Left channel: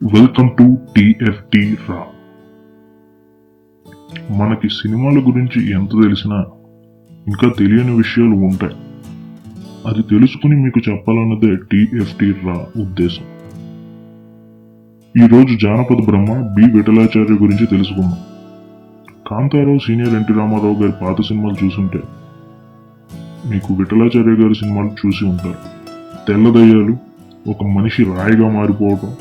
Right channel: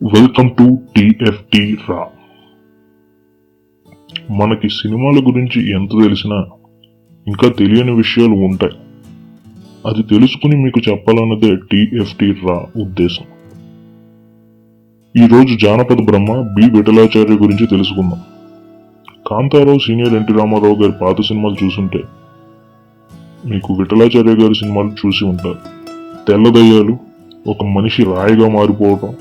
Welcome to TFT రా. మనకి సినిమాల గురించి ఎంత తెలిసినా ఇంకా తెలియని విషయాలు ఉంటాయి. అది తెలుసుకుని మీకు చెప్పాలన్నదే టిఎఫ్టి రా ఉద్దేశం. ఈరోజు జానపద బ్రహ్మ బి విఠలాచార్య గురించి తెలుసుకుందాం. కాంతారావు సీనియర్ ఎన్టీ రామారావు గారి పాత సినిమాలు చూసుంటే మీకు విఠలాచార్య గారి సినిమాలు చూసి ఉంటారు. తెల్లదయ్యాలు, ఒక మనిషి రాయిగా మారిపోవటం,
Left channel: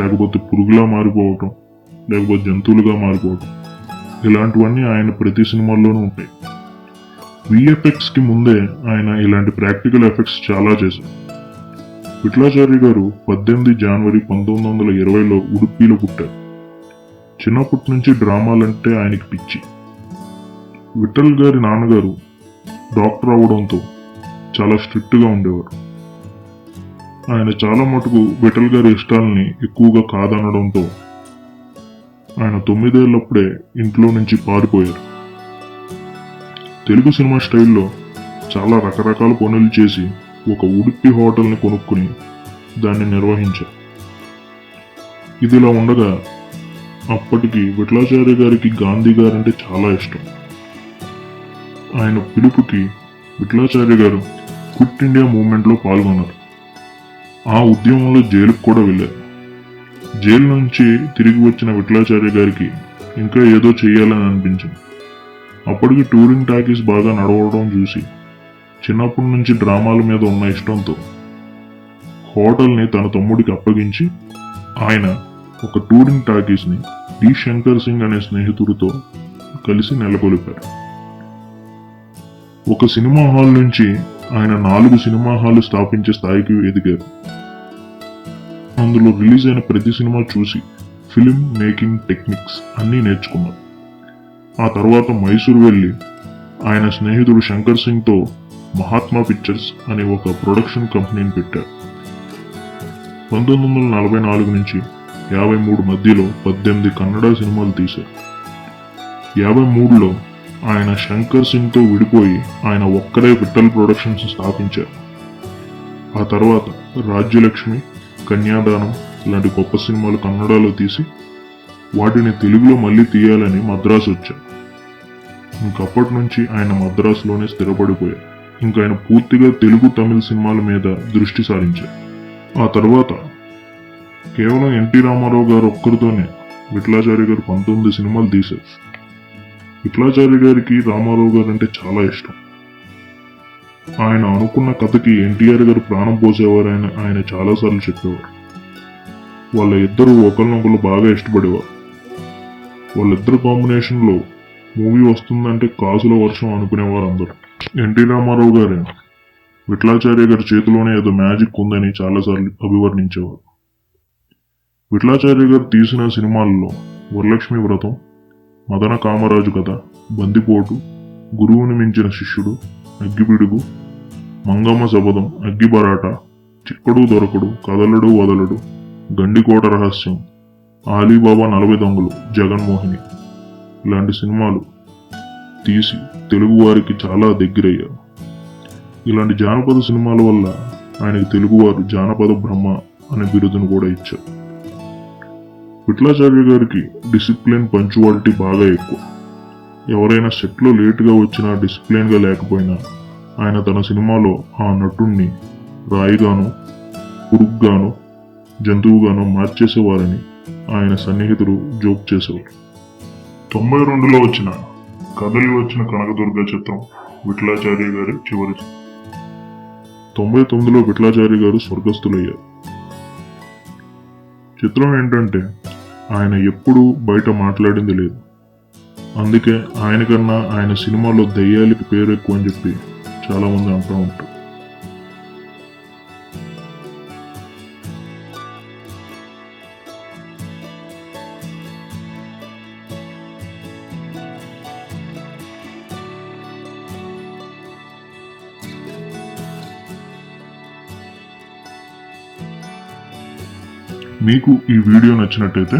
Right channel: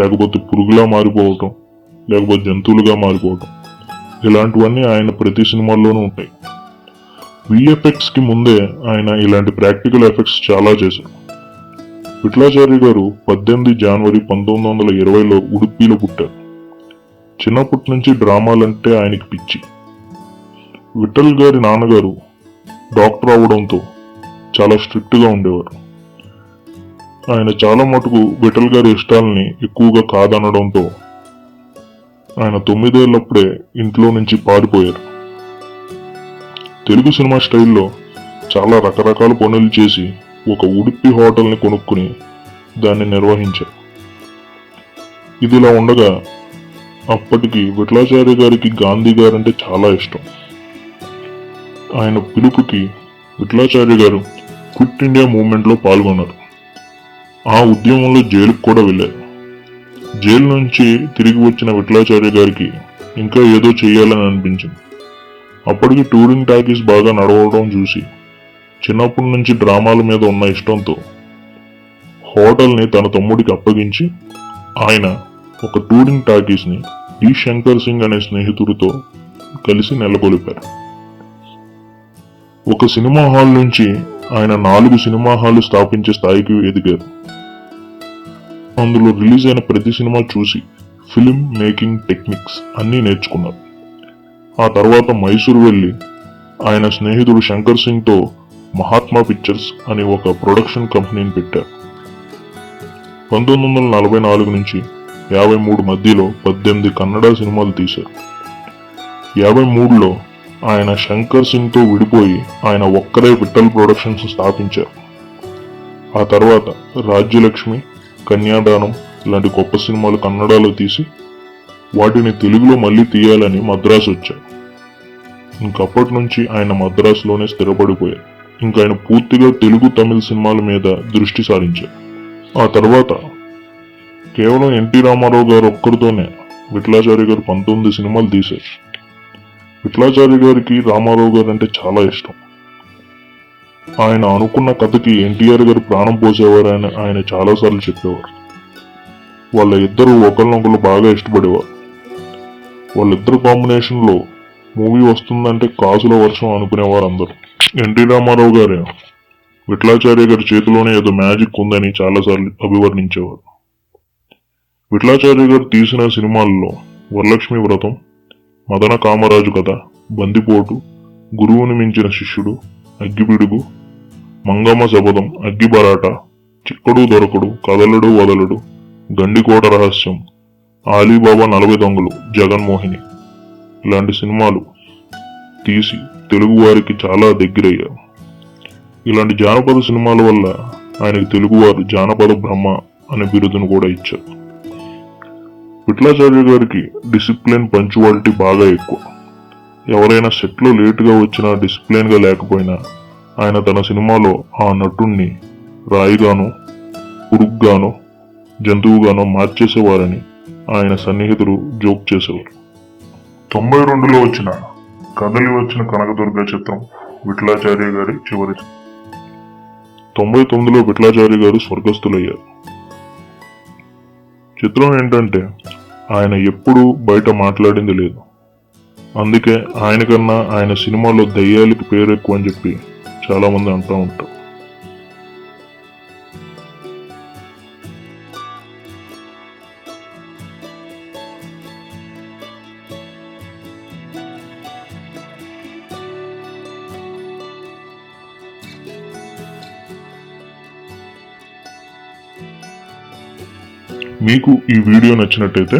లేకపోతే పురుగులా మారిపోవటం, లేకపోతే జంతువులుగా మారిపోవటం, ఇలాంటివన్నీ ఆయన ప్రతి సినిమాల్లోనూ ఉంటాయి. విఎఫ్ఎక్స్ కి ముందే ఆయన ఇలాంటి ప్రాక్టికల్ ఎఫెక్ట్స్ చాలా చేశారు. విఠలాచార్య గారు 18 జనవరి 1920లో ఉడుపిలో పుట్టారు. చిన్నప్పటి నుంచి డ్రామాలంటే ఆయనకి పిచ్చి. విఠల్ గారి నాన్నగారు డాక్టర్ అవడంతో చాలా స్ట్రిక్ట్ గా ఉండేవారు. ఆయన చాలా మటుకు విఠల్ గారి ఇష్టాలని ఎక్కువగా కాదనడంతో ఆయన 9 ఏళ్లప్పుడే ఇంట్లో నుంచి పారిపోయారు. తెలుగు సినిమా స్టైల్లో చాలా రకరకాల పనులు చేసి ఒక ఉడుపి హోటల్ని కొనుక్కుని దాన్ని నిర్వహించారు. ఇదిలా ఉండగా అప్పటికి విఠలాచార్య గారికి గాంధీ గారంటే చాలా ఇష్టం. ఆయన పిలుపుకి విఠలాచార్య గారు క్విట్ ఇండియా మూవ్మెంట్ లో పాల్గొన్నారు. ఆ ఉద్యమంలో జైలుకు కూడా వెళ్ళారు. జైలు నుంచి తిరిగి వచ్చిన విఠలాచార్య గారికి ఇంకా ఏదో చెయ్యాలని అనిపించింది. అప్పటికి టూరింగ్ టాకీస్ బాగా నడవడం చూసి చిన్నప్పటి నుంచి డ్రామాల మీద ఉన్న ఇష్టంతో హోటల్ని తన తమ్ముడికి అప్పగించి ఆయన ఒక టూరింగ్ టాకీస్ ని డి శంకర్ సింగ్ అనే స్నేహితుడితో కలిసి నెలకొల్పారు. ఒక సినిమా హాల్ నుంచి ఆయన 4 సినిమా హాల్ స్థాపించే స్థాయికి ఎదిగారు. అందులో రిలీజ్ అయిన ప్రతి సినిమా చూసి ఫిల్మ్ మేకింగ్ టెక్నిక్స్ అన్నీ నేర్చుకున్నారు. ఆ తర్వాత మైసూరు వెళ్లి ఆయన స్నేహితుడు శంకర్ సింగ్ తో మహాత్మా పిక్చర్స్ అనే ఒక ప్రొడక్షన్ కంపెనీని పెట్టారు. 1944 నుంచి 53 మధ్యలో 18 కన్నడ సినిమాలు తీశారు. 53లో ఆయన శంకర్ సింగ్ తో విడిపోయి ఆయన ఒక్కరే విఠల్ ప్రొడక్షన్స్ స్థాపించారు. ఆ తర్వాత రాజ్యలక్ష్మి, కన్యాదానం లాంటి గొప్ప సినిమాలు కన్నడలో తీసి వాటిని తెలుగులో మళ్ళీ తీయాలని మద్రాసు వచ్చారు. ఇంకప్పటి నుంచి ఆయన మద్రాసులోనే స్థిరపడిపోయారు. ఇంకా ఆయన పూర్తిగా తెలుగు, తమిళ సినిమాల మీద దృష్టి సారించారు. ఆ తర్వాత కేవలం ఎన్టీ రామారావు గారు ఒక్కరితోనే విఠలాచార్య గారు 19 సినిమాలు తీశారు. విఠలాచార్య గారికి రామారావు గారు అంటే చాలా ఇష్టం. ఆయన అనుకున్న కథకి ఎన్టీఆర్ గారు ప్రాణం పోసేవారు ఆయన చాలాసార్లు చెప్పేవారు. వాళ్ళ ఇద్దరు ఒకరినొకరు బాగా ఇష్టపడేవారు. వాళ్ళిద్దరు కాంబినేషన్ లో మూవీ వస్తుందంటే కాసుల వర్షం అనుకునేవారు అందరూ. ఎన్టీ రామారావు గారు విఠలాచార్య గారి చేతిలోనే ఏదో మ్యాజిక్ ఉందని చాలాసార్లు అభివర్ణించేవారు. విఠలాచార్య గారు తీసిన సినిమాల్లో వరలక్ష్మి వ్రతం, మదన కామరాజు కథ, బందిపోటు, గురువుని మించిన శిష్యుడు, అగ్గిపిడుగు, మంగమ్మ శపథం, అగ్గిబరాట, చిక్కడు దొరకడు, కదలడు వదలడు, గండికోట రహస్యం, ఆలీబాబా 40 దొంగలు, జగన్మోహిని ఇలాంటి సినిమాలు తీసి తెలుగు వారికి చాలా దగ్గరయ్యారు. ఇలాంటి జానపద సినిమాల వల్ల ఆయనకు తెలుగువారు జానపద బ్రహ్మ అనే బిరుదును కూడా ఇచ్చారు. విఠలాచార్య గారికి డిసిప్లిన్, పంచువాలిటీ బాగా ఎక్కువ. ఎవరైనా సెట్లో లేటుగా వచ్చినా, డిసిప్లిన్ గా లేకపోయినా ఆయన తన సినిమాలో ఆ నటుణ్ణి రాయిగానో, పురుగుగానో, జంతువుగానో మార్చేసేవారని ఆయన సన్నిహితులు జోక్ చేసేవారు. 92లో వచ్చిన కదలి వచ్చిన కనకదుర్గ చిత్రం విఠలాచార్య గారి చివరి. 99లో విఠలాచార్య గారు స్వర్గస్థులయ్యారు. చిత్రం ఏంటంటే ఆయన ఎప్పుడూ బయట మాట్లాడింది లేదు. అందుకే ఆయన కన్నా ఆయన సినిమాలో దయ్యాలకి పేరు ఎక్కువ అని చెప్పి చాలా మంది అంటూ ఉంటారు. మీకు ఈ వీడియో నచ్చినట్టయితే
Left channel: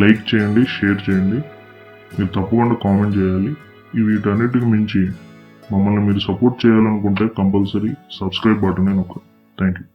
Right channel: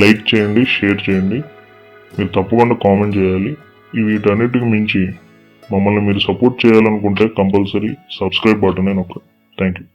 లైక్ చేయండి, షేర్ చేయండి. మీరు తప్పకుండా కామెంట్ చేయాలి. వీటన్నిటికి మించి మమ్మల్ని మీరు సపోర్ట్ చేయాలనుకుంటే కంపల్సరీ సబ్స్క్రైబ్ బటన్ నొక్కండి. Thank you.